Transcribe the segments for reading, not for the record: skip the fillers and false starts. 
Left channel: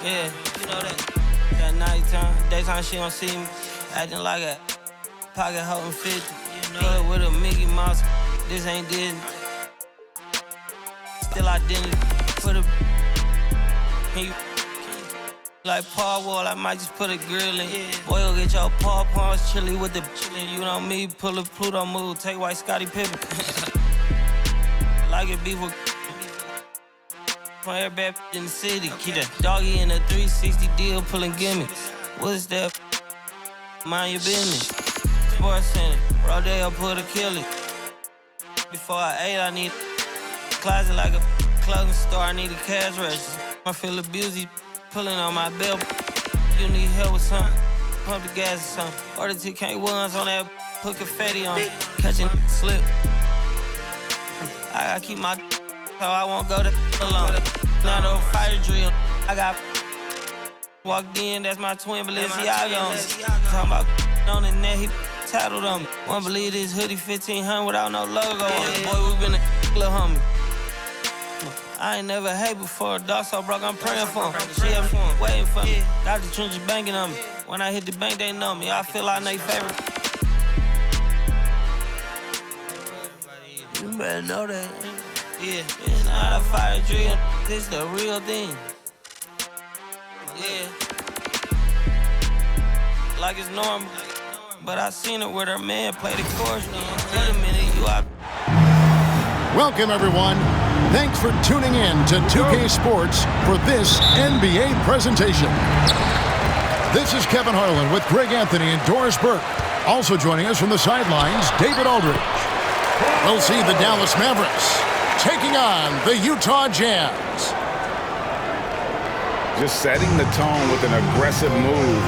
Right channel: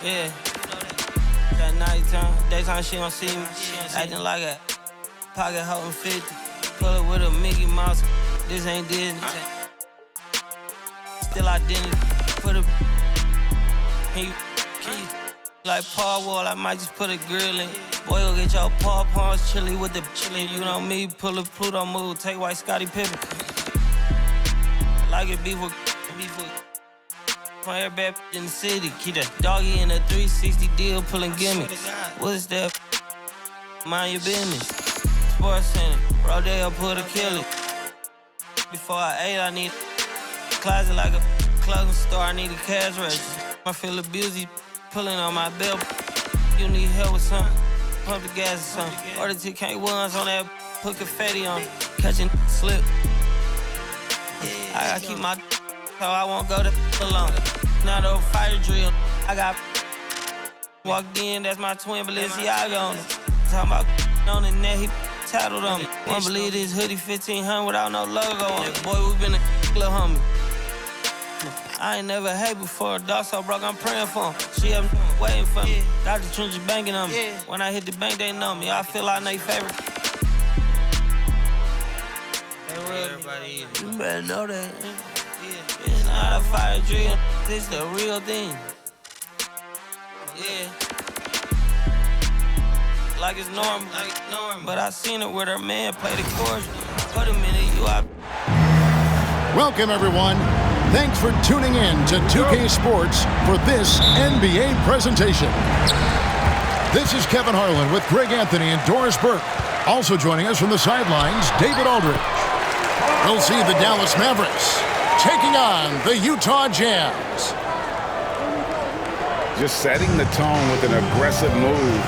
Yeah, you know that. That nighttime, daytime she don't see me. Acting like a pocket holding 50. Pull it with a Mickey Mouse. This ain't Disney. Still identity. Put a like Paul Wall, I might just put a grill in. Boy, go get your paw paws chili with the chili. You know me, pull a Pluto move, take white Scottie Pippen. Like it beef with from every bad in the city. Keep that doggy in a 360 deal, pulling gimme. What's that? Mind your business. Sports Center, Rodeo, put a kill it. Before I ate, I need a closet like a clothing store. I need a cash register. I feel abused, pulling on my belt. You need help with something? Pump the gas or something. Order TK1s on that, put confetti on it. Catching slip. I gotta keep my so I won't go to alone. Now the fire drill, I got walked in, that's my twin Balenciaga on it. Talking about on the net, he tattled on me. Won't believe this hoodie 1500 without no logo on it. Boy, we been a little homie. I ain't never hate before, a dog so broke, I'm praying for him. She up waiting for me. Got the trenches banking on me. When I hit the bank, they know me. I feel like they favorite. You better know that. Yeah, it's not a fire drill. This the real thing. Yeah. Like it's normal. But I seen it with her man play the chorus. Wait a minute, you out. Welcome, everyone. Thanks for tuning in to 2K Sports for this NBA presentation. This is Kevin Harlan with Greg Anthony and Doris Burke. Also joining us from the sidelines, David Aldridge. We'll see the Dallas Mavericks taking on the Utah Jazz. Just setting the tone with an aggressive move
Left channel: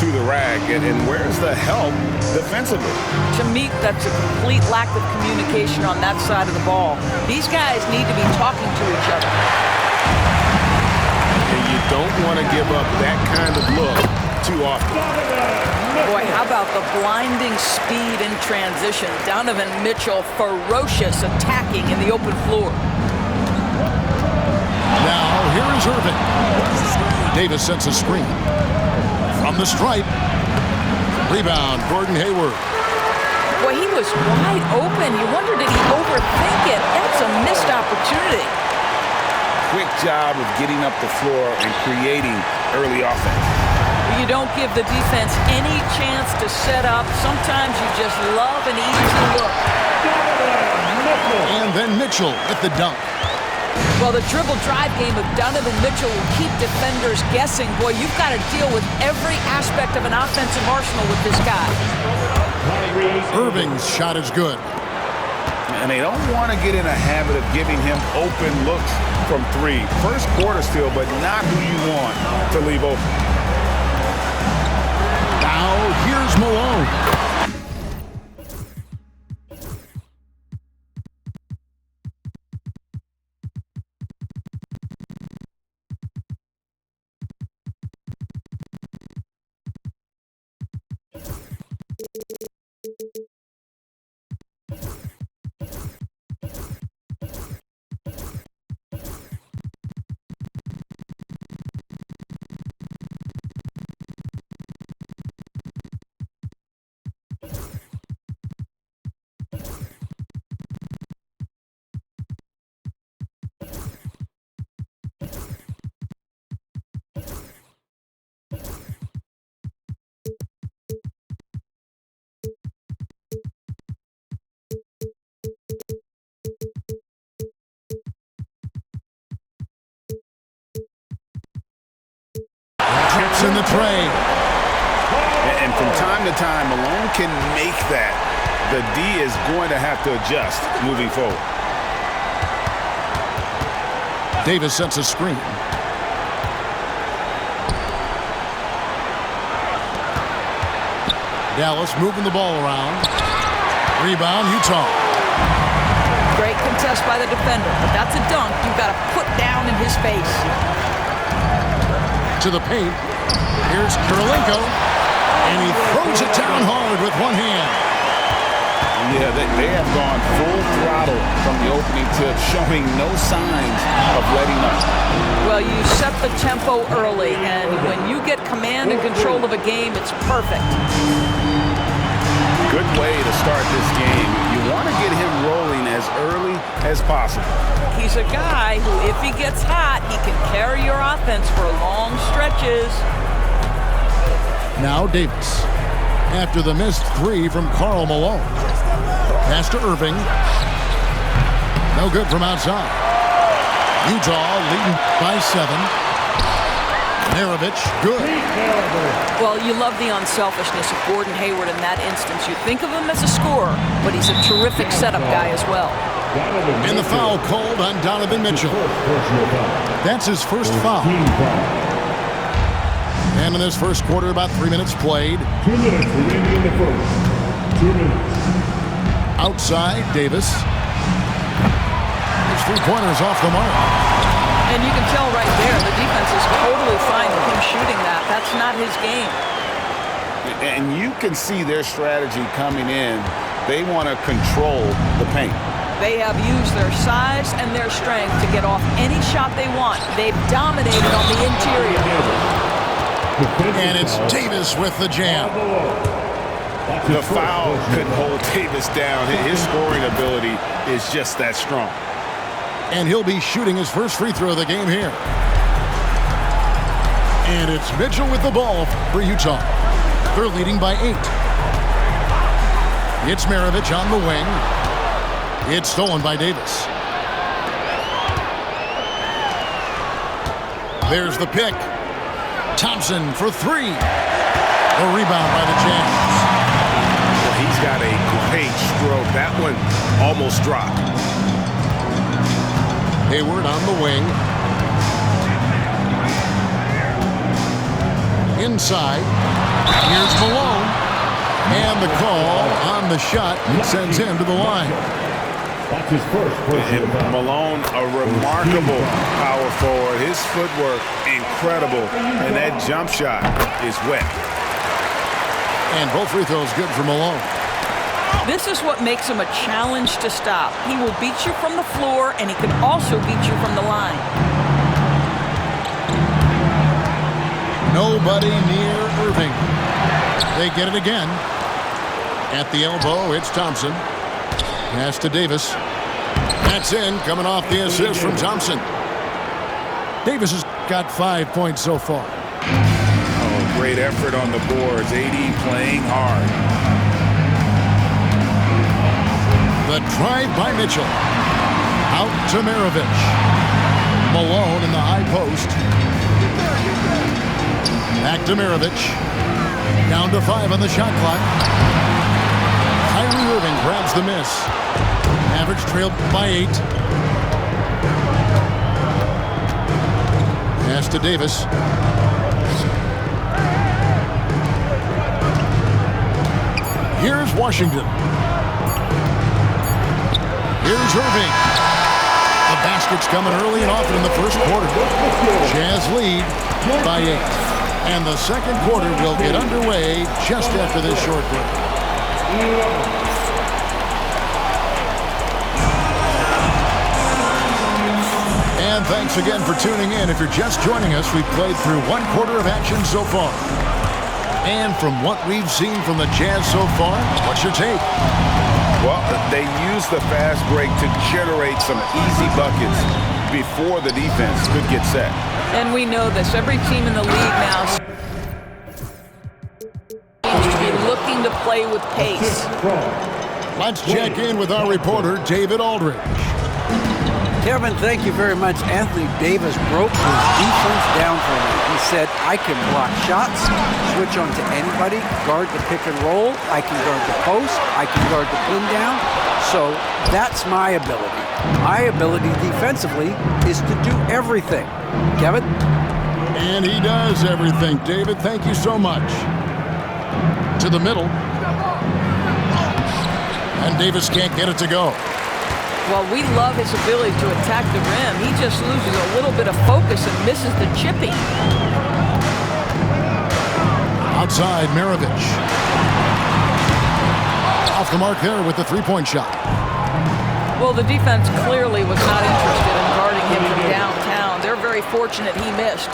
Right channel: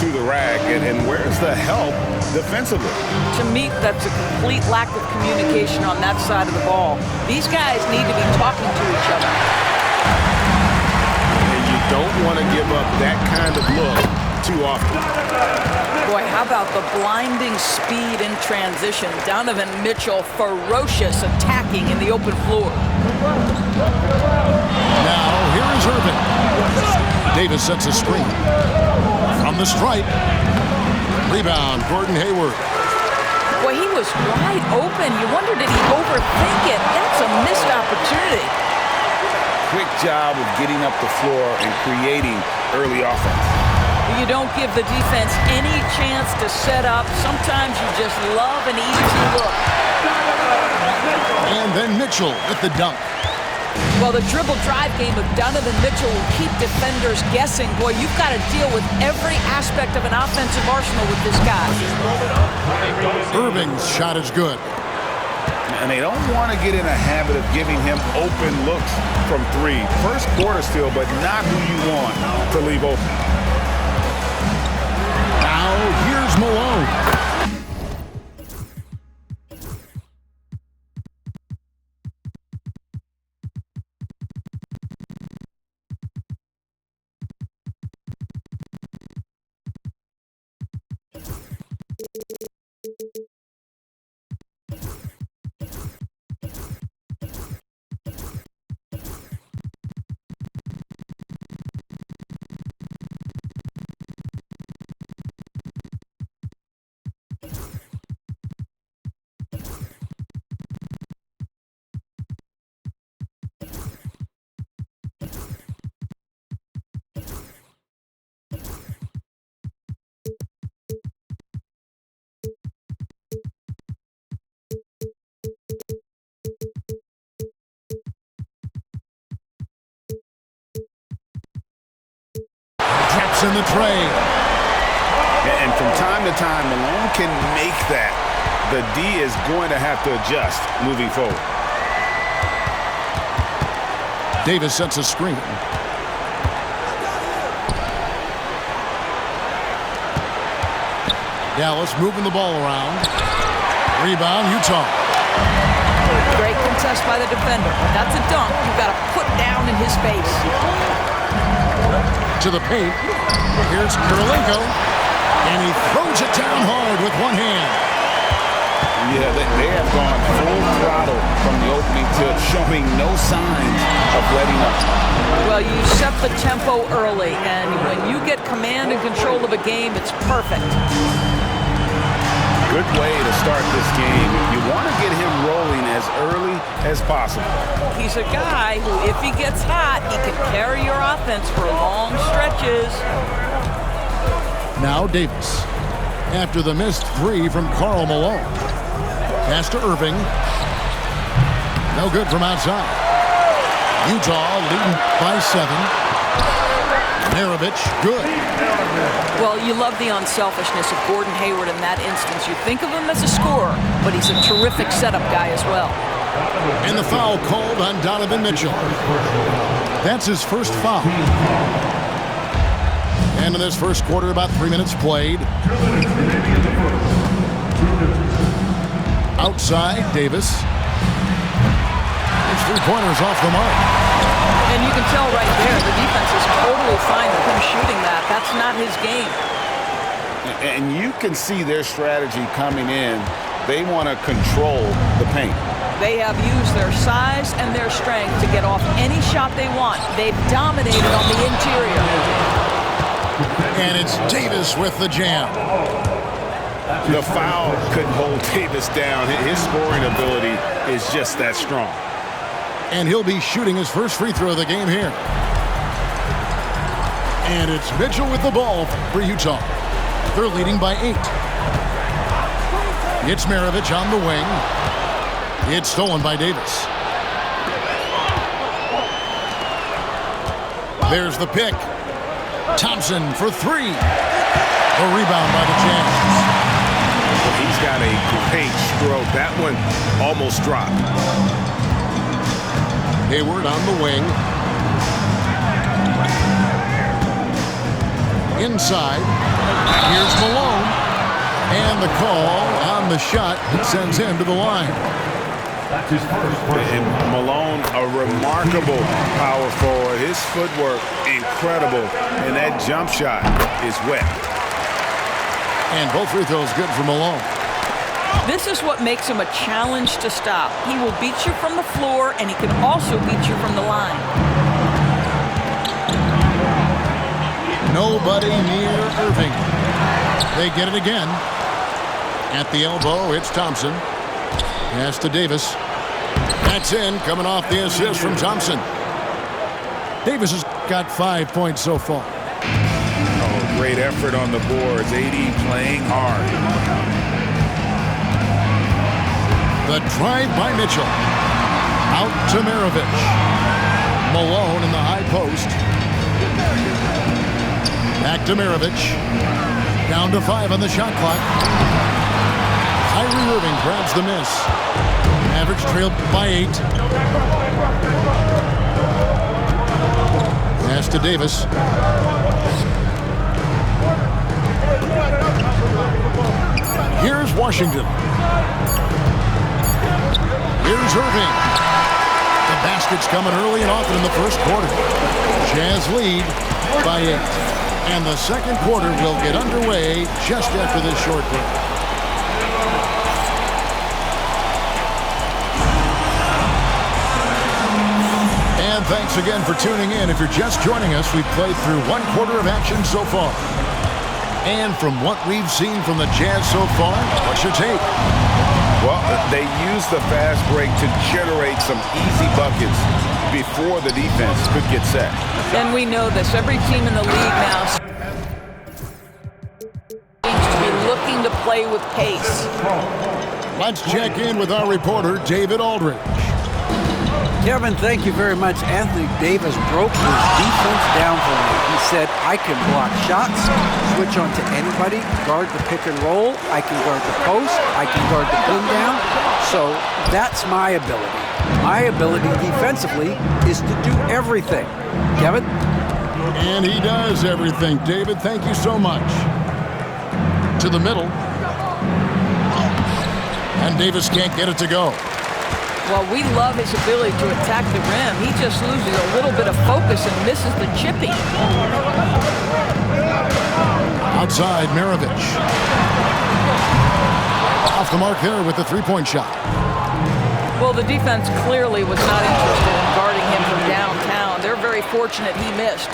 to the rack. And where's the help defensively? To me, that's a complete lack of communication on that side of the ball. These guys need to be talking to each other. And you don't want to give up that kind of look too often. Boy, how about the blinding speed in transition? Donovan Mitchell, ferocious attacking in the open floor. Now, here is Irving. Davis sets a screen. From the stripe. Rebound, Gordon Hayward. Boy, he was wide open. You wonder, did he overthink it? That's a missed opportunity. Quick job of getting up the floor and creating early offense. You don't give the defense any chance to set up. Sometimes you just love an easy look. And then Mitchell with the dunk. Well, the dribble drive game of Donovan Mitchell will keep defenders guessing. Boy, you've got to deal with every aspect of an offensive arsenal with this guy. Irving's shot is good. And they don't want to get in a habit of giving him open looks from three. First quarter still, but not who you want to leave open. Now, here's Malone. Traps in the tray. And from time to time, Malone can make that. The D is going to have to adjust moving forward. Davis sets a screen. Dallas moving the ball around. Rebound, Utah. Great contest by the defender, but that's a dunk you've got to put down in his face. To the paint. Here's Kirilenko. And he throws it down hard with one hand. Yeah, they have gone full throttle from the opening tip, showing no signs of letting up. Well, you set the tempo early, and when you get command and control of a game, it's perfect. Good way to start this game. You want to get him rolling as early as possible. He's a guy who, if he gets hot, he can carry your offense for long stretches. Now Davis. After the missed three from Karl Malone. Pass to Irving. No good from outside. Utah leading by 7. Maravich, good. Well, you love the unselfishness of Gordon Hayward in that instance. You think of him as a scorer, but he's a terrific setup guy as well. And the foul called on Donovan Mitchell. That's his first foul. And in this first quarter, about 3 minutes played. 2 minutes remaining in the first. 2 minutes. Outside, Davis. His three-pointers off the mark. And you can tell right there, the defense is totally fine with him shooting that. That's not his game. And you can see their strategy coming in. They want to control the paint. They have used their size and their strength to get off any shot they want. They've dominated on the interior. And it's Davis with the jam. The foul couldn't hold Davis down. His scoring ability is just that strong. And he'll be shooting his first free throw of the game here. And it's Mitchell with the ball for Utah. They're leading by 8. It's Maravich on the wing. It's stolen by Davis. There's the pick. Thompson for 3. The rebound by the Jazz. Well, he's got a great stroke. That one almost dropped. Hayward on the wing. Inside. Here's Malone. And the call on the shot sends him to the line. That's his first. And Malone, a remarkable power forward. His footwork, incredible. And that jump shot is wet. And both free throws good for Malone. This is what makes him a challenge to stop. He will beat you from the floor, and he can also beat you from the line. Nobody near Irving. They get it again. At the elbow, it's Thompson. Pass to Davis. That's in, coming off the assist from Thompson. Davis has got 5 points so far. Oh, great effort on the boards. AD playing hard. The drive by Mitchell. Out to Maravich. Malone in the high post. Back to Maravich. Down to 5 on the shot clock. Kyrie Irving grabs the miss. Mavericks trailed by 8. Pass to Davis. Here's Washington. Here's Irving. The basket's coming early and often in the first quarter. Jazz lead by 8. And the second quarter will get underway just after this short break. And thanks again for tuning in. If you're just joining us, we've played through 1 quarter of action so far. And from what we've seen from the Jazz so far, what's your take? Well, they used the fast break to generate some easy buckets before the defense could get set. And we know this. Every team in the league now seems to be looking to play with pace. Let's check in with our reporter, David Aldridge. Kevin, thank you very much. Anthony Davis broke his defense down for me. He said, I can block shots, switch on to anybody, guard the pick and roll, I can guard the post, I can guard the pin down. So that's my ability. My ability defensively is to do everything. Kevin? And he does everything. David, thank you so much. To the middle. And Davis can't get it to go. Well, we love his ability to attack the rim. He just loses a little bit of focus and misses the chippy. Outside, Maravich. Off the mark there with the three-point shot. Well, the defense clearly was not interested in guarding him from downtown. They're they're very fortunate he missed.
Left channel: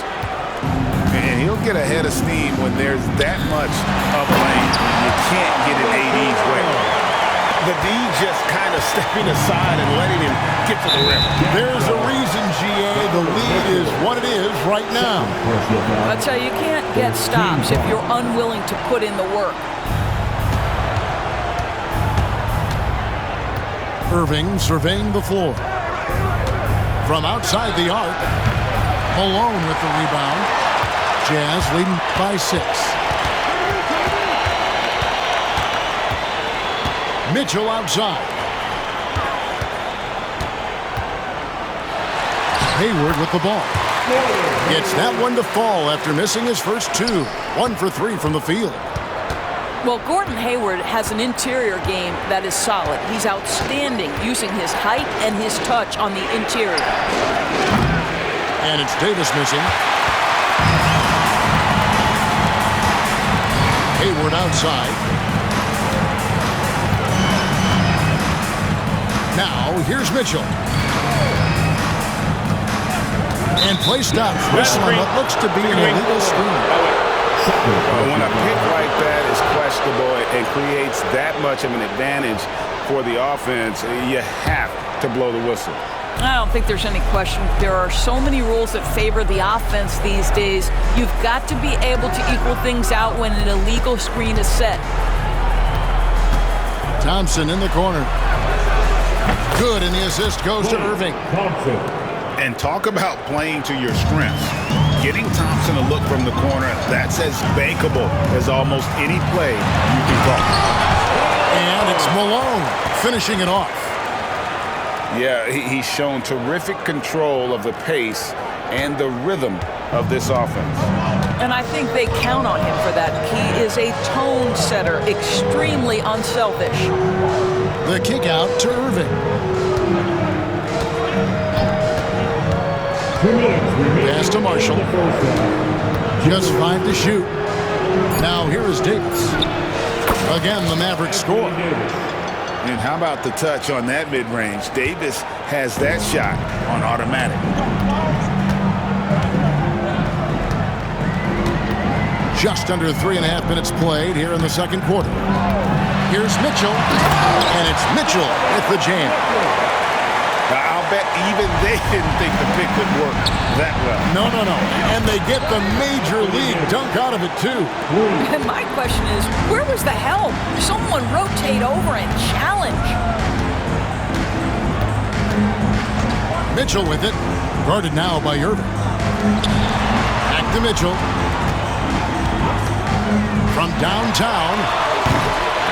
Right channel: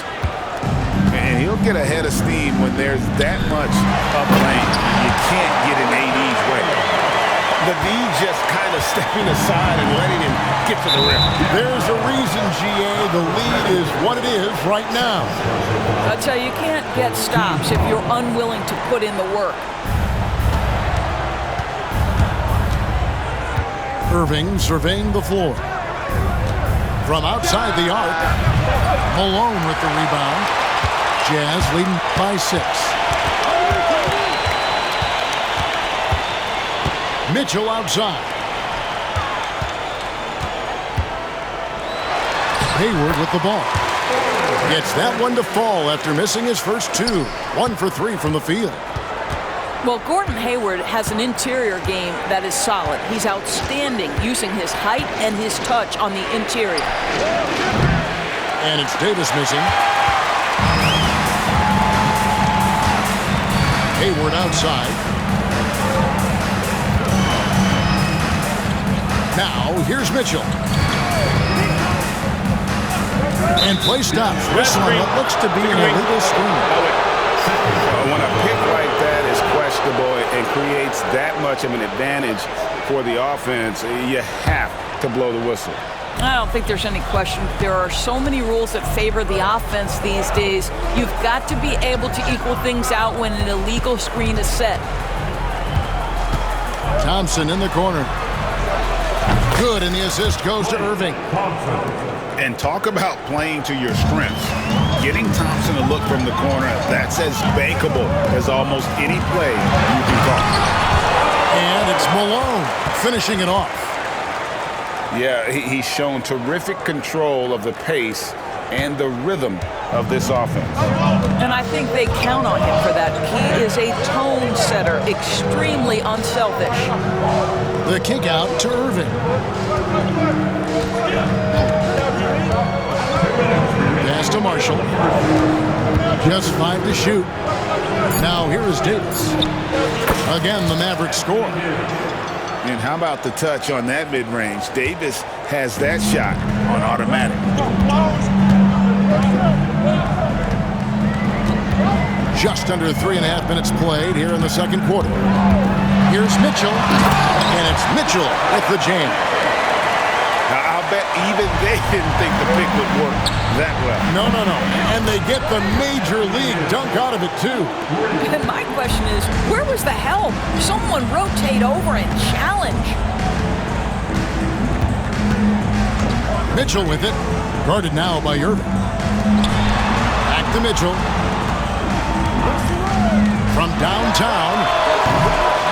And he'll get ahead of steam when there's that much up lane. You can't get in AD's way. The D just kind of stepping aside and letting him get to the rim. There's a reason, GA, the lead is what it is right now. I tell you, you can't get stops if you're unwilling to put in the work. Irving surveying the floor. From outside the arc, Malone with the rebound. Jazz leading by 6. Mitchell outside. Hayward with the ball. Gets that one to fall after missing his first 2. 1 for 3 from the field. Well, Gordon Hayward has an interior game that is solid. He's outstanding using his height and his touch on the interior. And it's Davis missing. Hayward outside. Now, here's Mitchell. And play stops. Whistle on what looks to be an illegal screen. When a pick like that is questionable and creates that much of an advantage for the offense, you have to blow the whistle. I don't think there's any question. There are so many rules that favor the offense these days. You've got to be able to equal things out when an illegal screen is set. Thompson in the corner. Good, and the assist goes to Irving. And talk about playing to your strengths. Getting Thompson to look from the corner, that's as bankable as almost any play you can call. And it's Malone finishing it off. Yeah, he's shown terrific control of the pace and the rhythm of this offense. And I think they count on him for that. He is a tone setter, extremely unselfish. The kick out to Irving. Pass to Marshall. Just 5 to shoot. Now here is Davis. Again, the Mavericks score. And how about the touch on that mid-range? Davis has that shot on automatic. Just under 3.5 minutes played here in the second quarter. Here's Mitchell, and it's Mitchell with the jam. Now, I'll bet even they didn't think the pick would work that well. No. And they get the major league dunk out of it, too. And my question is, where was the help? Someone rotate over and challenge. Mitchell with it. Guarded now by Irving. Back to Mitchell. From downtown,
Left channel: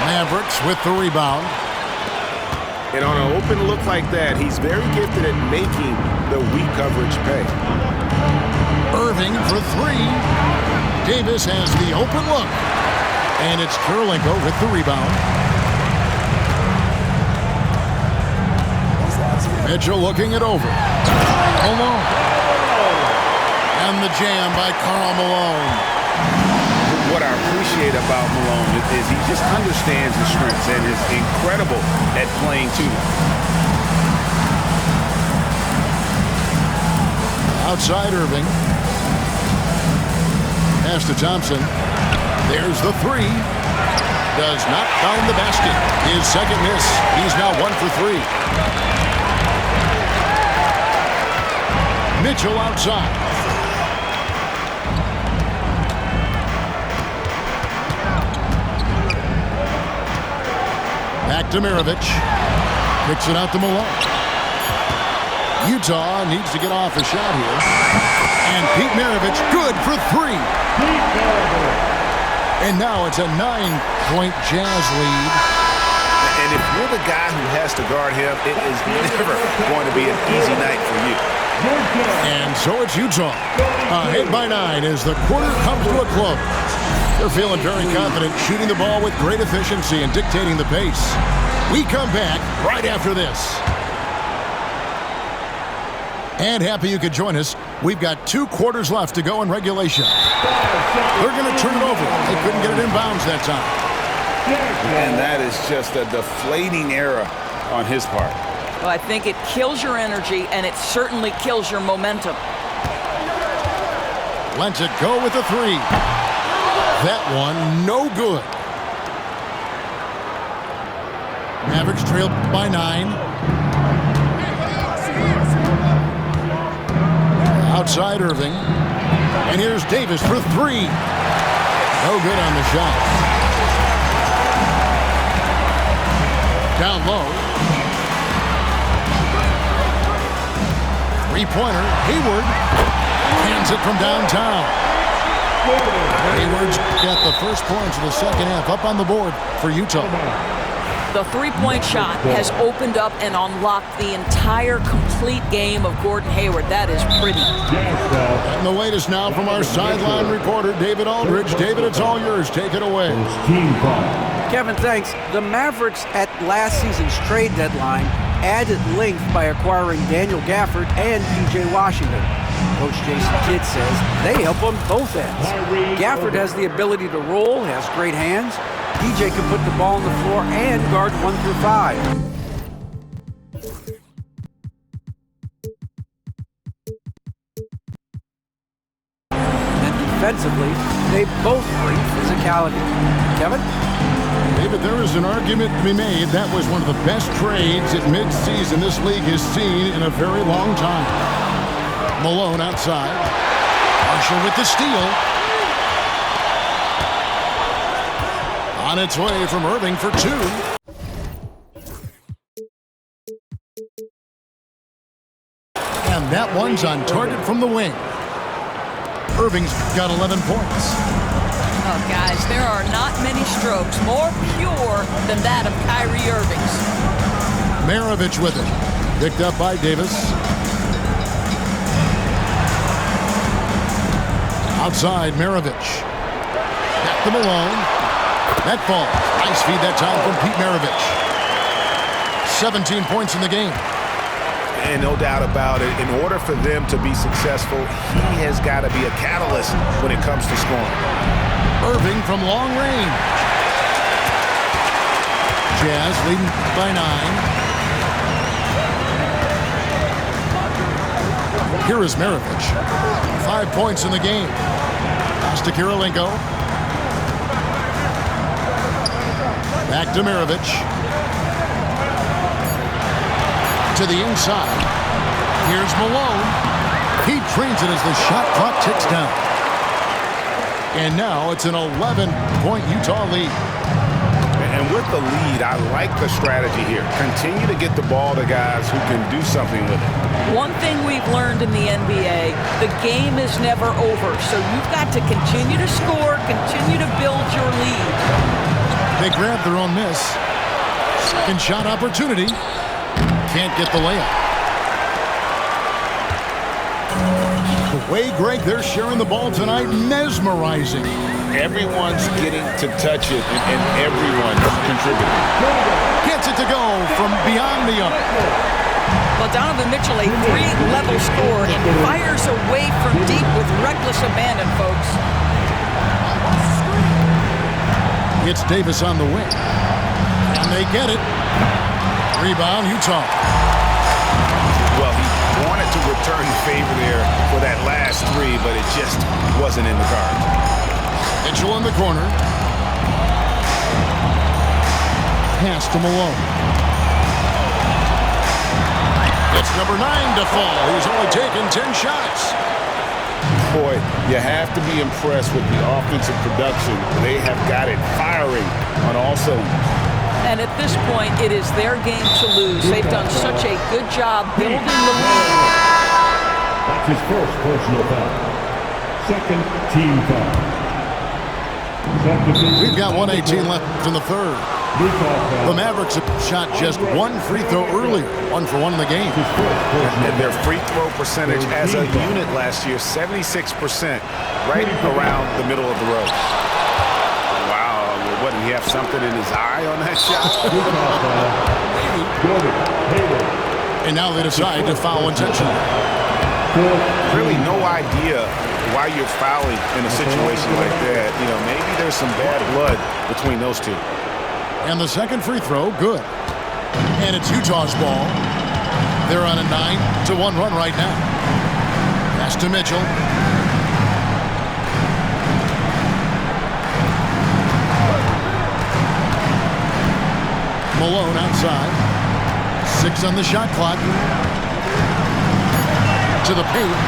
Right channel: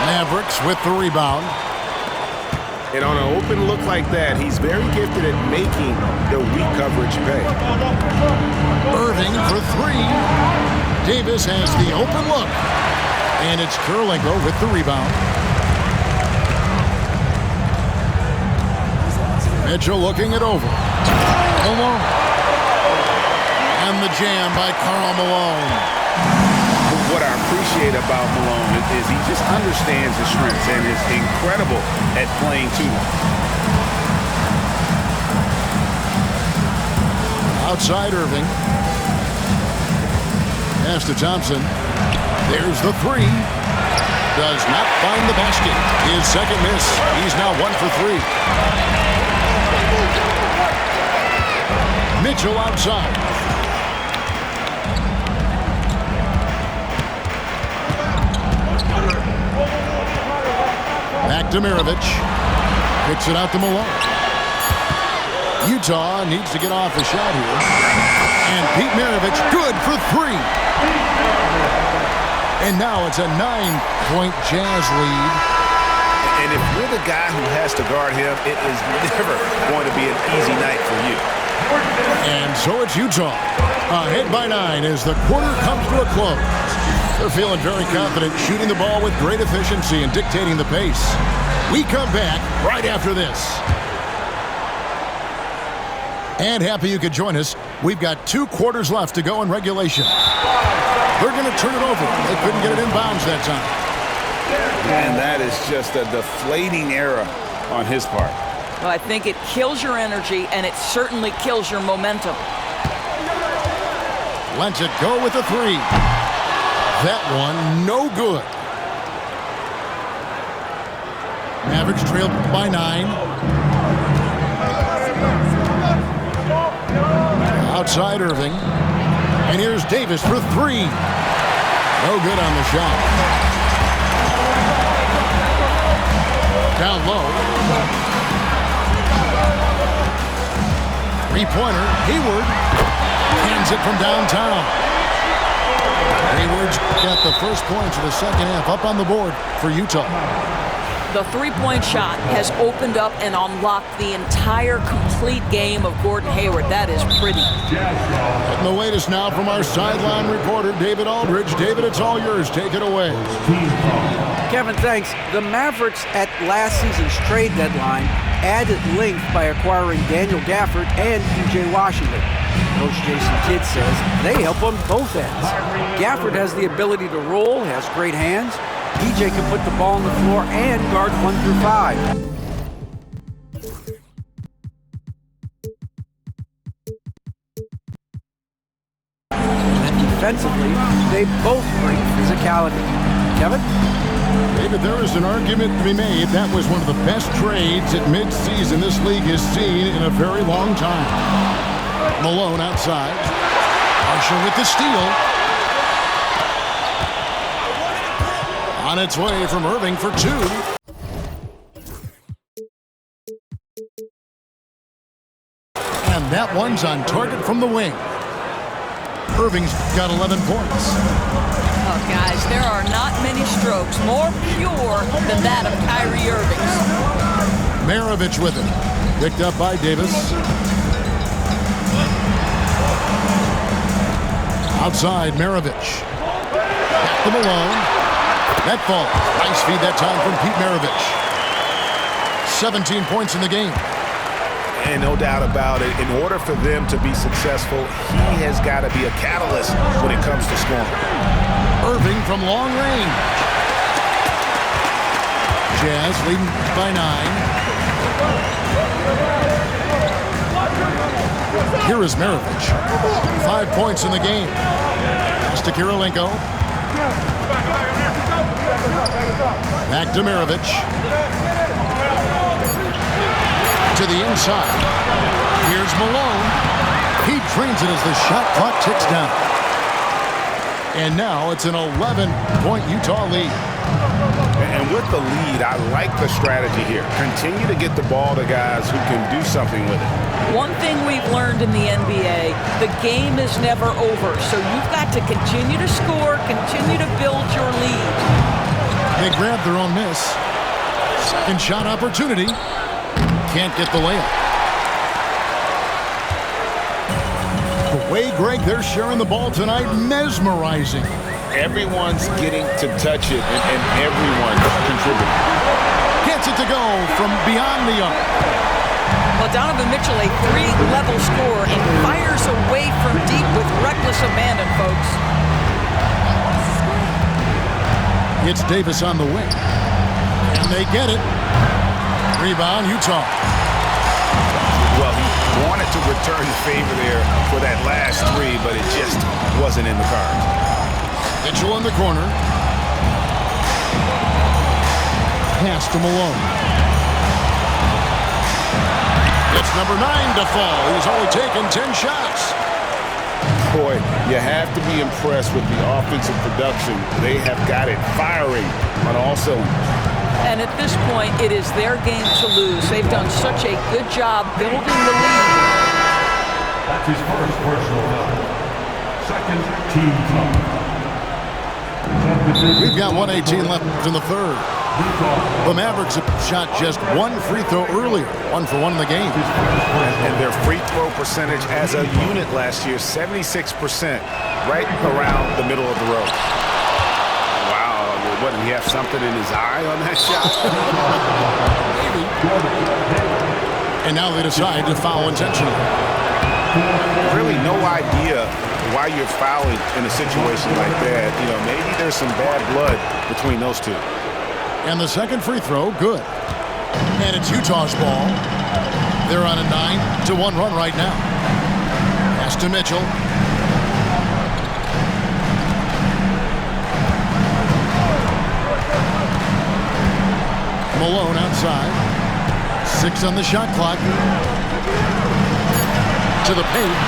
Mavericks with the rebound. And on an open look like that, he's very gifted at making the weak coverage pay. Irving for 3. Davis has the open look. And it's Kirilenko with the rebound. Mitchell looking it over. Malone. And the jam by Karl Malone. What I appreciate about Malone is he just understands his strengths and is incredible at playing to them. Outside Irving. Pass to Thompson. There's the 3. Does not find the basket. His second miss. He's now 1 for 3. Mitchell outside. Back to Mirovic. Kicks it out to Malone. Utah needs to get off a shot here. And Pete Maravich, good for 3. And now it's a 9-point Jazz lead. And if you're the guy who has to guard him, it is never going to be an easy night for you. And so it's Utah. Ahead by 9 as the quarter comes to a close. They're feeling very confident, shooting the ball with great efficiency and dictating the pace. We come back right after this. And happy you could join us. We've got 2 quarters left to go in regulation. They're going to turn it over. They couldn't get it in bounds that time. And that is just a deflating error on his part. Well, I think it kills your energy, and it certainly kills your momentum. Lets it go with a three. That one, no good. Mavericks trailed by 9. Outside Irving. And here's Davis for 3. No good on the shot. Down low. Three-pointer, Hayward. Hands it from downtown. Hayward's got the first points of the second half up on the board for Utah. The three-point shot has opened up and unlocked the entire complete game of Gordon Hayward. That is pretty. Getting the latest now from our sideline reporter, David Aldridge. David, it's all yours. Take it away. Kevin, thanks. The Mavericks at last season's trade deadline added length by acquiring Daniel Gafford and P.J. Washington. Coach Jason Kidd says they help on both ends. Gafford has the ability to roll, has great hands. PJ can put the ball on the floor and guard 1 through 5. And defensively, they both bring physicality. Kevin? David, there is an argument to be made. That was one of the best trades at midseason this league has seen in a very long time. Malone outside. Marshall with the steal. On its way from Irving for 2. And that one's on target from the wing. Irving's got 11 points. Oh, guys, there are not many strokes more pure than that of Kyrie Irving's. Maravich with it. Picked up by Davis. Outside, Maravich. Back to Malone. That falls. Nice feed that time from Pete Maravich. 17 points in the game. And no doubt about it, in order for them to be successful, he has got to be a catalyst when it comes to scoring. Irving from long range. Jazz leading by 9. Here is Maravich. 5 points in the game. Pass to Kirilenko. Back to Maravich. To the inside. Here's Malone. He trains it as the shot clock ticks down. And now it's an 11-point Utah lead. And with the lead, I like the strategy here. Continue to get the ball to guys who can do something with it. One thing we've learned in the NBA, the game is never over. So you've got to continue to score, continue to build your lead. They grab their own miss. Second shot opportunity. Can't get the layup. The way, Greg, they're sharing the ball tonight, mesmerizing. Everyone's getting to touch it, and everyone's contributing. Gets it to go from beyond the arc. Well, Donovan Mitchell, a 3-level scorer, and fires away from deep with reckless abandon, folks. It's Davis on the wing. And they get it. Rebound, Utah. Well, he wanted to return the favor there for that last 3, but it just wasn't in the cards. Mitchell in the corner. Pass to Malone. It's number 9 to fall. He's only taken 10 shots. Boy, you have to be impressed with the offensive production. They have got it firing on all cylinders. And at this point, it is their game to lose. They've done such a good job building the lead. That's his first personal foul. Second team foul. We've got 1:18 left in the third. The Mavericks have shot just 1 free throw earlier. 1 for 1 in the game. And their free throw percentage as a unit last year, 76%, right around the middle of the road. Wow, what, did he have something in his eye on that shot? Maybe. And now they decide to foul intentionally. Really no idea why you're fouling in a situation like that. You know, maybe there's some bad blood between those two. And the second free throw, good. And it's Utah's ball. They're on a 9-1 run right now. Pass to Mitchell. Malone outside. 6 on the shot clock. To the paint.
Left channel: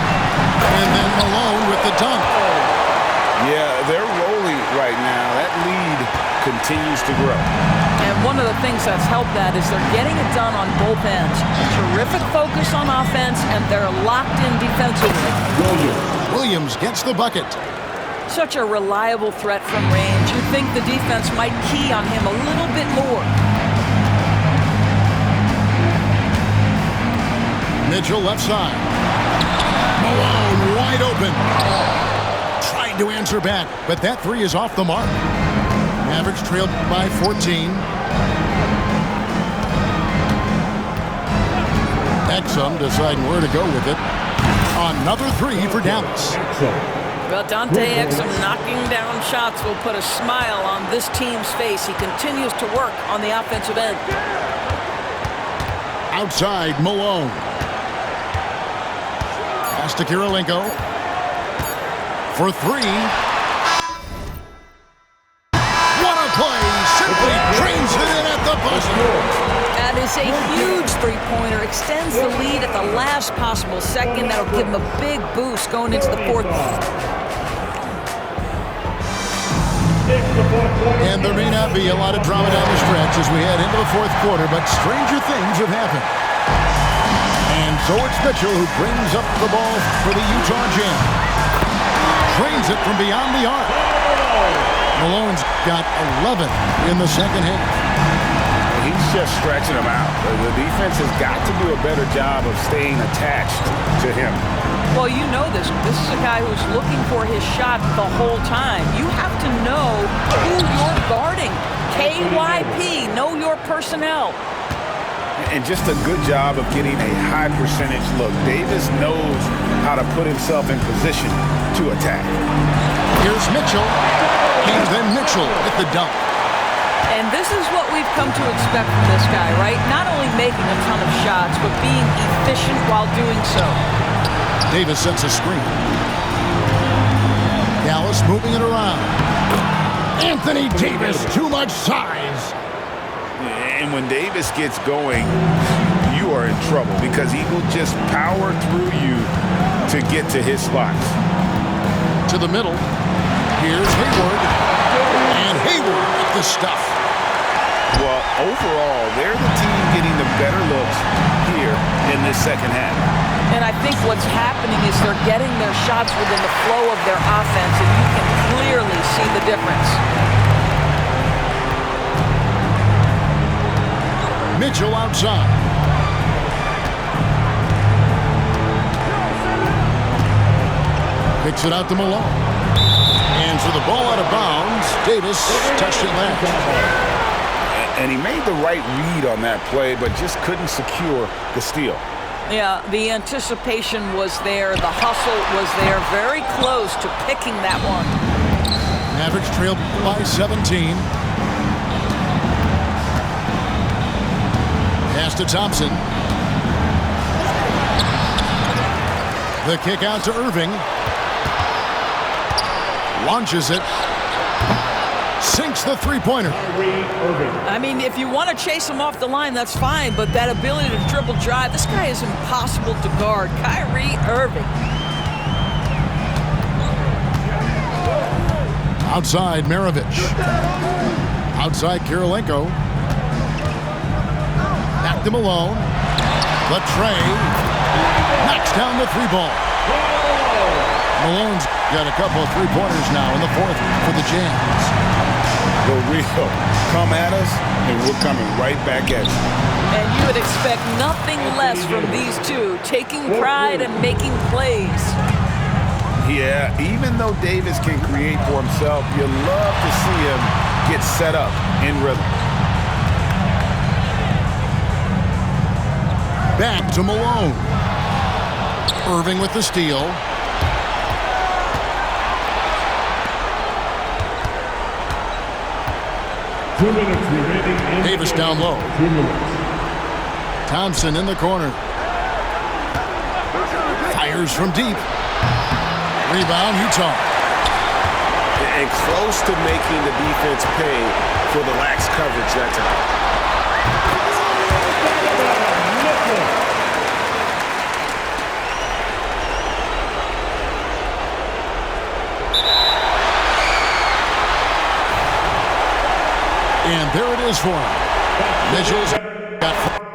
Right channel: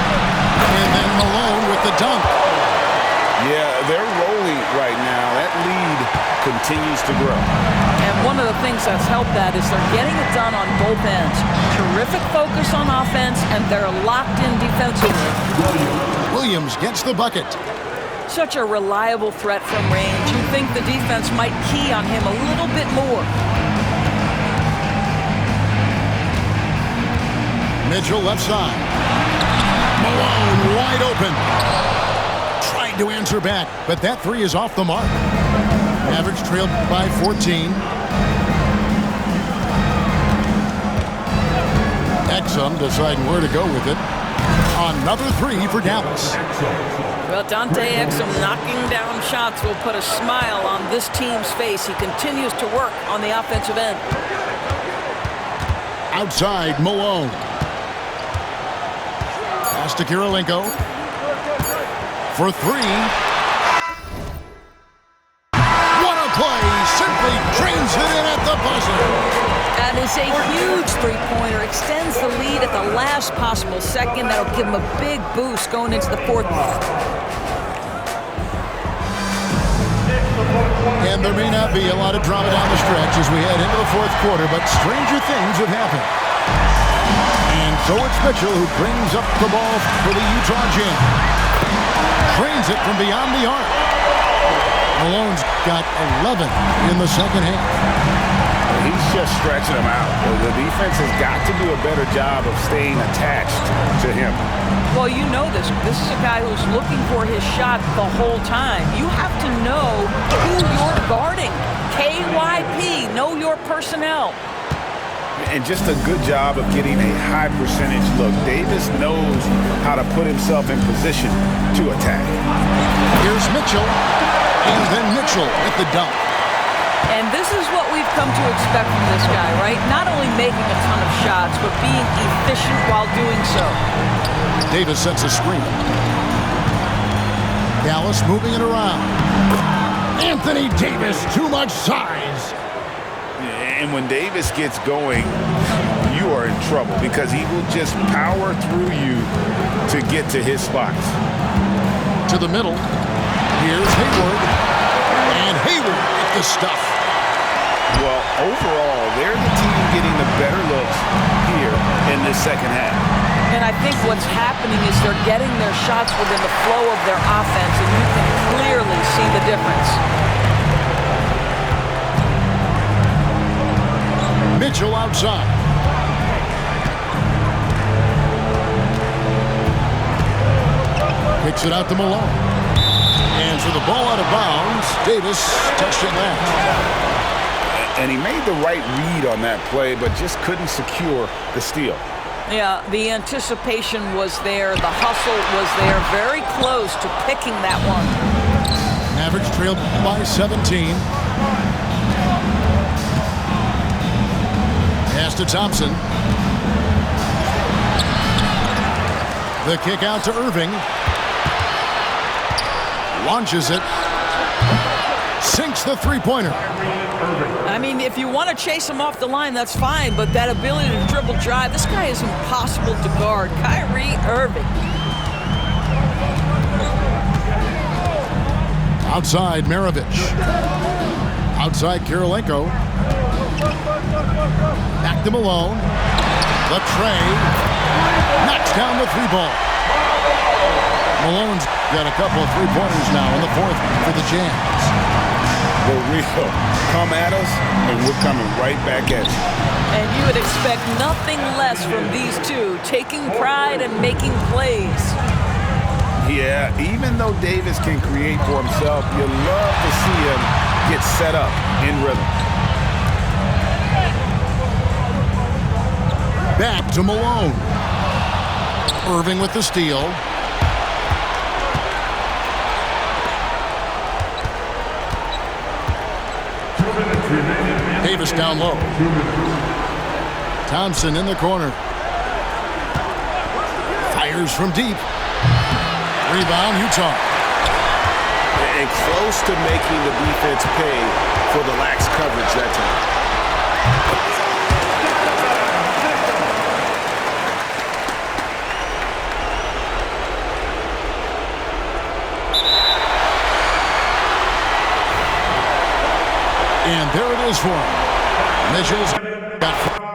And then Malone with the dunk. Yeah, they're rolling right now. That lead continues to grow. And one of the things that's helped that is they're getting it done on both ends. Terrific focus on offense, and they're locked in defensively. Williams gets the bucket. Such a reliable threat from range. You'd think the defense might key on him a little bit more. Mitchell left side. Malone wide open. Tried to answer back, but that three is off the mark. Mavericks trailed by 14. Exum deciding where to go with it. Another three for Dallas. Well, Dante Exum knocking down shots will put a smile on this team's face. He continues to work on the offensive end. Outside, Malone. Pass to Kirilenko. For three. What a play! Simply trains it in at the buzzer. That is a huge three-pointer. Extends the lead at the last possible second. That'll give him a big boost going into the fourth. And there may not be a lot of drama down the stretch as we head into the fourth quarter, but stranger things have happened. And so it's Mitchell who brings up the ball for the Utah Jazz. Trains it from beyond the arc. Malone's got 11 in the second half. He's just stretching them out. The defense has got to do a better job of staying attached to him. Well, you know this. This is a guy who's looking for his shot the whole time. You have to know who you're guarding. KYP, know your personnel. And just a good job of getting a high percentage look. Davis knows how to put himself in position to attack. Here's Mitchell. And then Mitchell with the dunk. And this is what we've come to expect from this guy, right? Not only making a ton of shots, but being efficient while doing so. Davis sets a screen. Dallas moving it around. Anthony Davis, too much size. And when Davis gets going, you are in trouble because he will just power through you to get to his spots. To the middle. Here's Hayward. And Hayward with the stuff. Well, overall, they're the team getting the better looks here in this second half. And I think what's happening is they're getting their shots within the flow of their offense, and you can clearly see the difference. Mitchell outside. Kicks it out to Malone. And for the ball out of bounds, Davis touched it last. And he made the right read on that play, but just couldn't secure the steal. Yeah, the anticipation was there. The hustle was there. Very close to picking that one. Mavericks trailed by 17. Pass to Thompson. The kick out to Irving. Launches it. Sinks the three-pointer. I mean, if you want to chase him off the line, that's fine, but that ability to dribble drive, this guy is impossible to guard. Kyrie Irving. Outside, Maravich. Outside, Kirilenko. Back to Malone. Latrey knocks down the three ball. Malone's got a couple of three-pointers now in the fourth for the Jazz. For real. Come at us, and we're coming right back at you. And you would expect nothing less from these two, taking pride and making plays. Yeah, even though Davis can create for himself, you love to see him get set up in rhythm. Back to Malone. Irving with the steal. Davis down low. Thompson in the corner. Fires from deep. Rebound, Utah. And close to making the defense pay for the lax coverage that time. And there it is for him. Mitchell's got